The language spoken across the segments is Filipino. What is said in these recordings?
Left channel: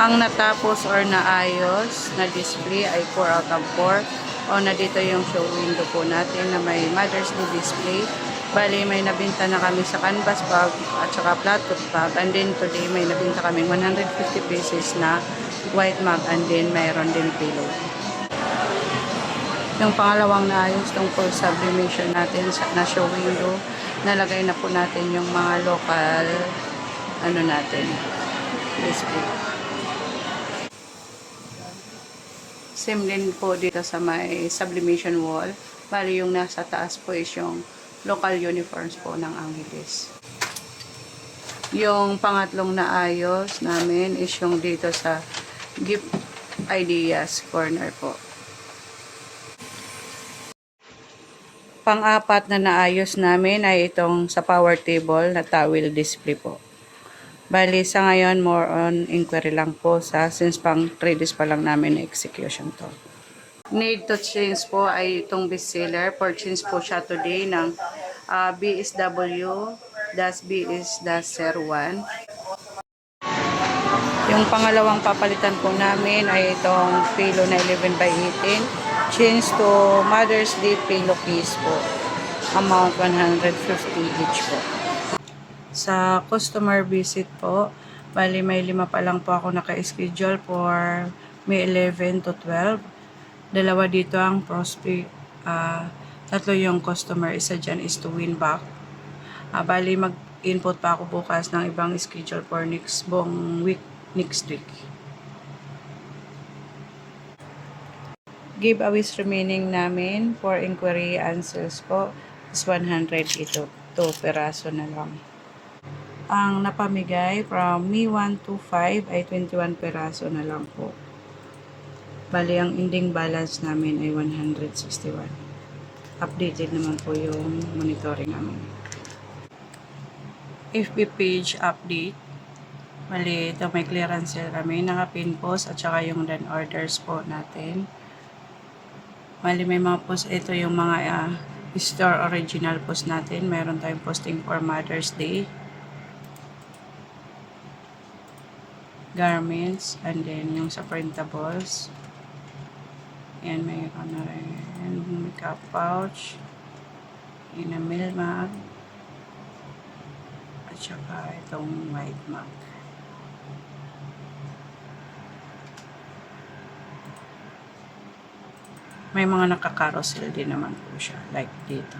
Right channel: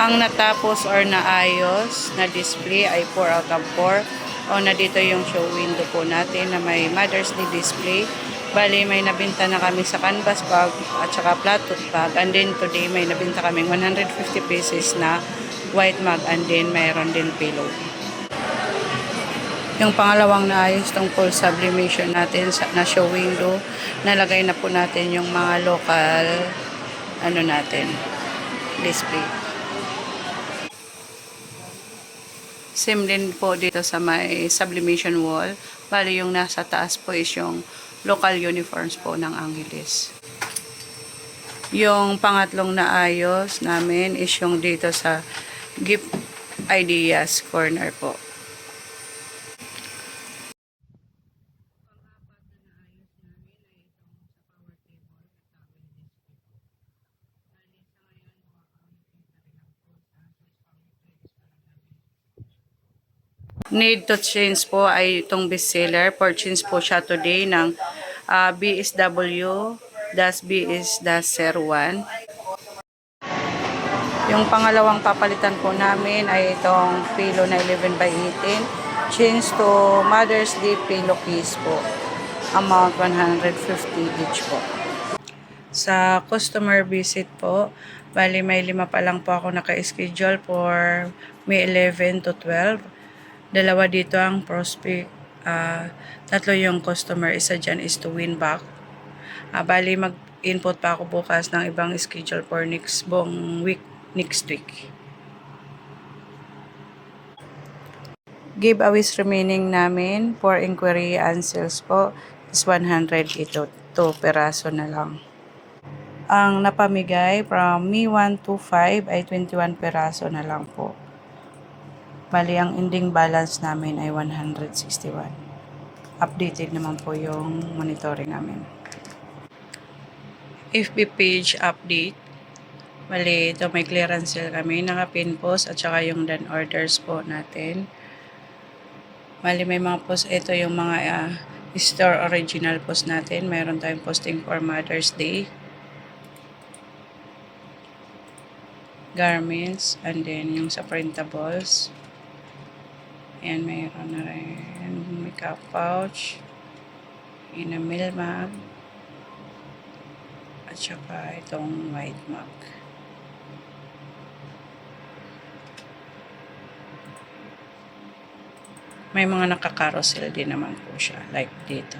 Ang natapos or naayos na display ay 4 out of 4. O na dito yung show window po natin na may Mother's Day display. Bali, may nabinta na kami sa canvas bag at saka platot bag. And then today may nabinta kaming 150 pieces na white mug and then mayroon din pillow. Yung pangalawang naayos tong full sublimation natin na show window, nalagay na po natin yung mga local natin display. Same din po dito sa may sublimation wall. Bali yung nasa taas po is yung local uniforms po ng Angeles. Yung pangatlong naayos namin is yung dito sa gift ideas corner po. Pang-apat na naayos namin ay itong sa power table na towel display po. Bali sa ngayon more on inquiry lang po since pang 3 days pa lang namin na execution to. Need to change po ay itong bestseller. Purchase po siya today ng BSW-BS-01. Yung pangalawang papalitan po namin ay itong pillow na 11 by 18. Change to Mother's Day pillow case po. Amount 150 each po. Sa customer visit po, bali may 5 pa lang po ako naka-schedule for May 11 to 12. Dalawa dito ang prospect. 3 yung customer, isa dyan is to win back. Bali mag-input pa ako bukas ng ibang schedule for next week. Giveaways remaining namin for inquiry and sales po is 100 ito. 2 peraso na lang. Ang napamigay from May 1 to 5 ay 21 peraso na lang po. Bali, ang ending balance namin ay 161. Updated naman po yung monitoring namin. FB page update. Bali, ito may clearance sale kami. Naka-pin post at saka yung done orders po natin. Bali, may mga post. Ito yung mga store original post natin. Mayroon tayong posting for Mother's Day. Garments. And then yung sa printables. Ayan, mayroon na rin makeup pouch, enamel mug, at saka itong white mug. May mga naka-carousel din naman po siya, like dito.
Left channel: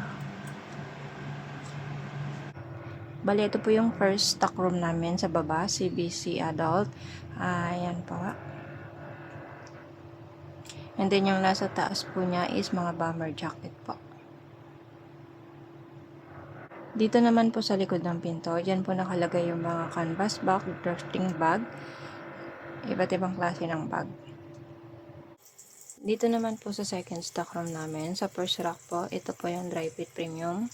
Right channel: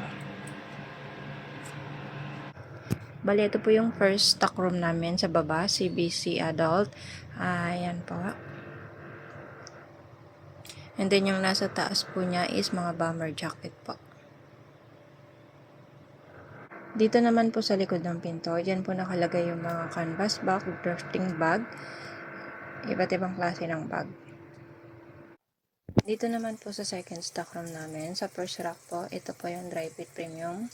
Bali, ito po yung first stock room namin sa baba, CBC Adult. Ayan po. And then yung nasa taas po niya is mga bomber jacket po. Dito naman po sa likod ng pinto, dyan po nakalagay yung mga canvas bag, drafting bag, iba't ibang klase ng bag. Dito naman po sa second stock room namin, sa first rack po, ito po yung dry fit premium.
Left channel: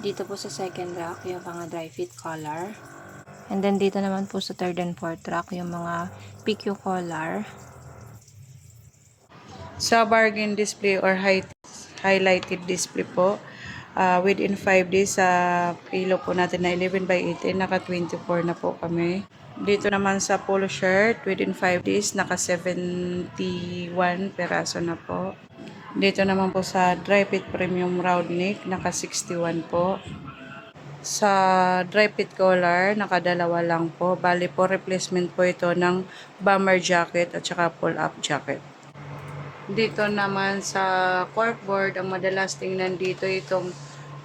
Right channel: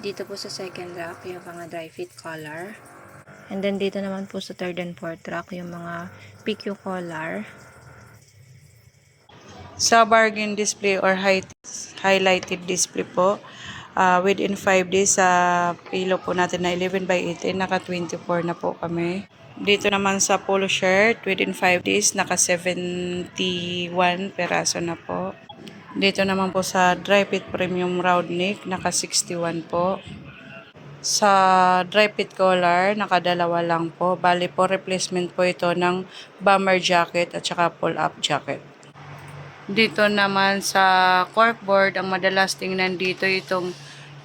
Dito po sa second rack, yung mga dry fit collar. And then dito naman po sa third and fourth rack, yung mga PQ collar. Sa bargain display or highlighted display po, within 5 days sa pillow po natin na 11 by 18, naka 24 na po kami. Dito naman sa polo shirt, within 5 days, naka 71 peraso na po. Dito naman po sa dry fit premium round neck, naka 61 po. Sa dry fit collar, nakadalawa lang po. Bali po, replacement po ito ng bomber jacket at saka pull-up jacket. Dito naman sa corkboard, ang madalas tingnan dito itong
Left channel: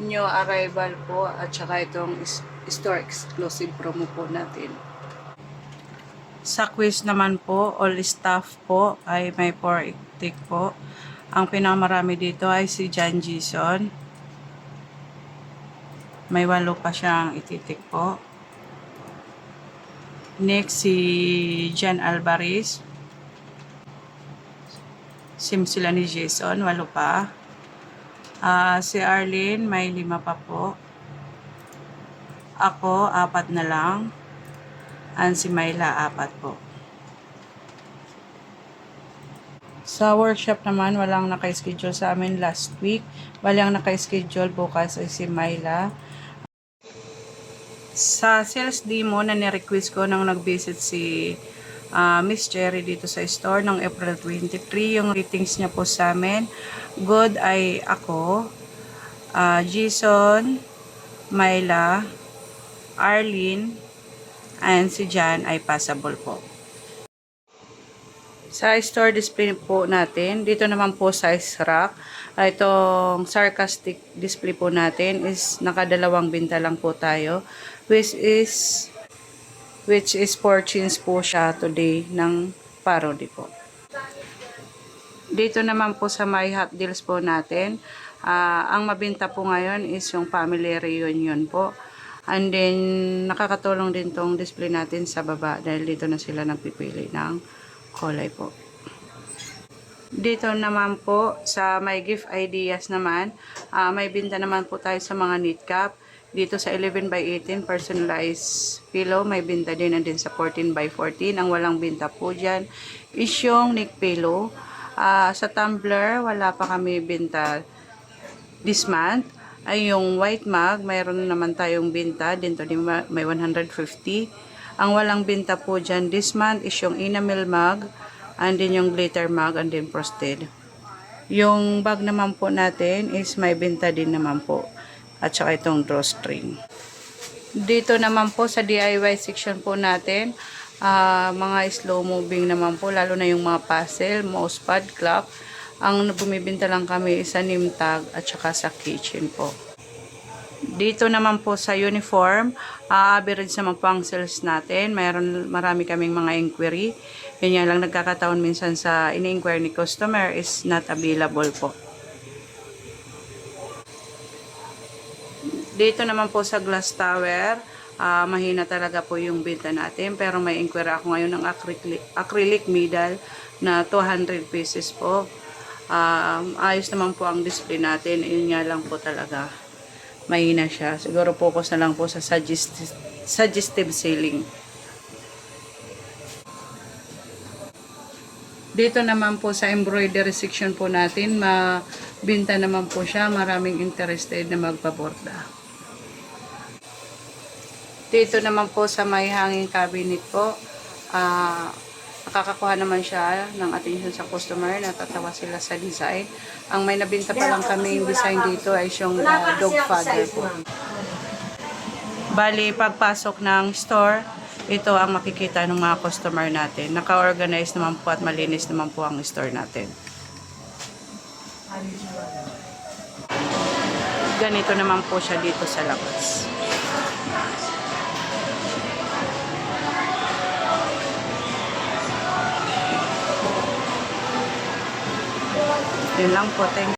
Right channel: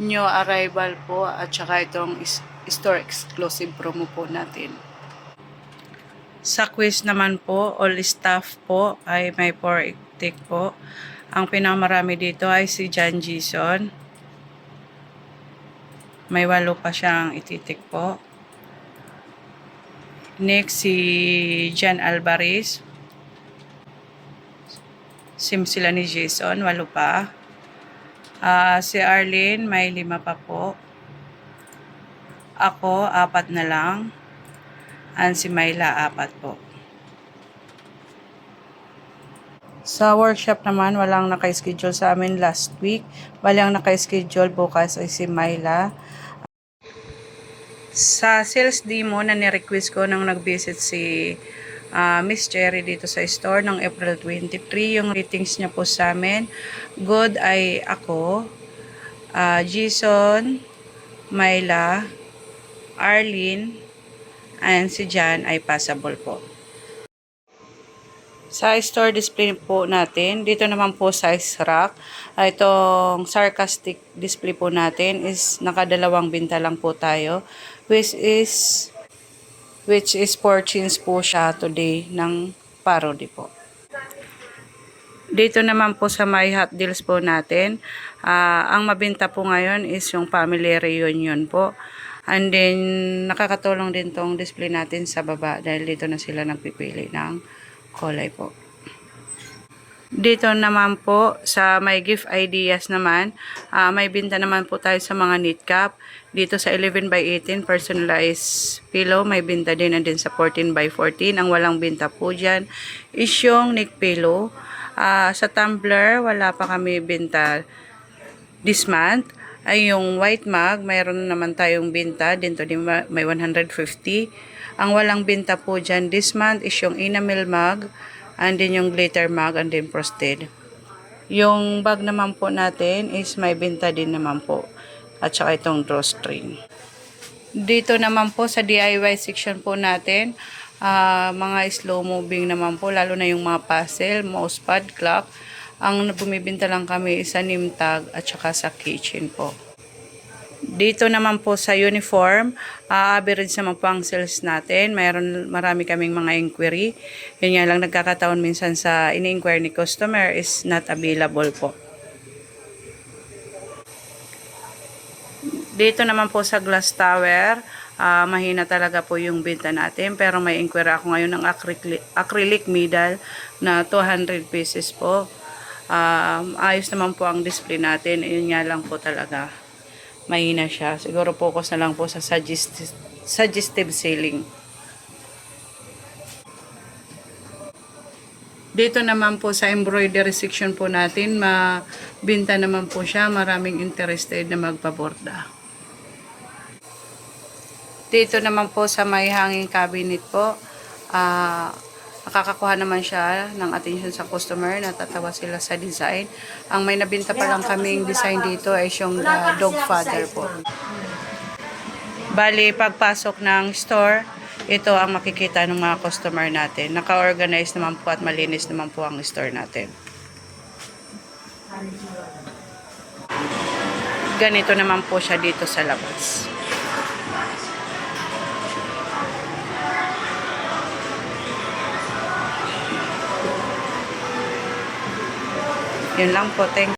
new arrival po at saka itong store exclusive promo po natin. Sa quiz naman po, all staff po ay may 4 tick po. Ang pinakamarami dito ay si John Jason. May 8 pa siyang ititik po. Next, si Jan Alvarez. Sim sila ni Jason, 8 pa. Si Arlene, may 5 pa po. Ako, 4 na lang. And si Myla, 4 po. Sa workshop naman, walang naka-schedule sa amin last week. Bali ang naka-schedule bukas ay si Myla. Sa sales demo na ni-request ko nang nag-visit si Miss Cherry dito sa store ng April 23. Yung ratings niya po sa amin, good ay ako, Jason, Myla, Arlene, and si Jan ay passable po. Sa store display po natin, dito naman po size rack. Itong sarcastic display po natin is nakadalawang binta lang po tayo, which is 4 chins po siya today ng parody po. Dito naman po sa My Hot Deals po natin, ang mabinta po ngayon is yung family reunion po. And then, nakakatulong din tong display natin sa baba dahil dito na sila nagpipili ng kulay po. Dito naman po sa may gift ideas naman, may binta naman po tayo sa mga knit cap. Dito sa 11 by 18 personalized pillow, may binta din, and din sa 14 by 14. Ang walang binta po dyan is yung neck pillow. Sa tumbler, wala pa kami binta this month. Ay yung white mug, mayroon naman tayong binta. Dito din may 150. Ang walang binta po dyan this month is yung enamel mug, and din yung glitter mug, and din frosted. Yung bag naman po natin is may binta din naman po. At saka itong drawstring. Dito naman po sa DIY section po natin, mga slow moving naman po, lalo na yung mga puzzle, mousepad, clock. Ang bumibinta lang kami sa name tag at saka sa kitchen po. Dito naman po sa uniform, average naman po ang sales natin. Marami kaming mga inquiry. Yun nga lang, nagkakataon minsan sa ini-inquire ni customer is not available po. Dito naman po sa glass tower, mahina talaga po yung benta natin. Pero may inquiry ako ngayon ng acrylic middle na 200 pieces po. Ayos naman po ang display natin. Yun nga lang po talaga, mahina siya. Siguro focus na lang po sa suggestive selling. Dito naman po sa embroidery section po natin, mabinta naman po siya. Maraming interested na magpaborda. Dito naman po sa may hanging cabinet po, nakakakuha naman siya ng attention sa customer. Natatawa sila sa design. Ang may nabinta pa lang kaming design dito ay yung dog father po. Bali, pagpasok ng store, ito ang makikita ng mga customer natin. Naka-organize naman po at malinis naman po ang store natin. Ganito naman po siya dito sa labas. Yun lang po. Thank